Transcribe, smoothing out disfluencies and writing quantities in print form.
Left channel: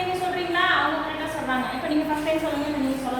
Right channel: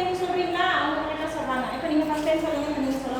நீங்க சொல்றீங்களா? அவங்க கரெக்ட்டா சொல்றாங்க. இப்ப நீங்க ஃபர்ஸ்ட் டைம் சொல்லுங்க. நீங்க சொல்ல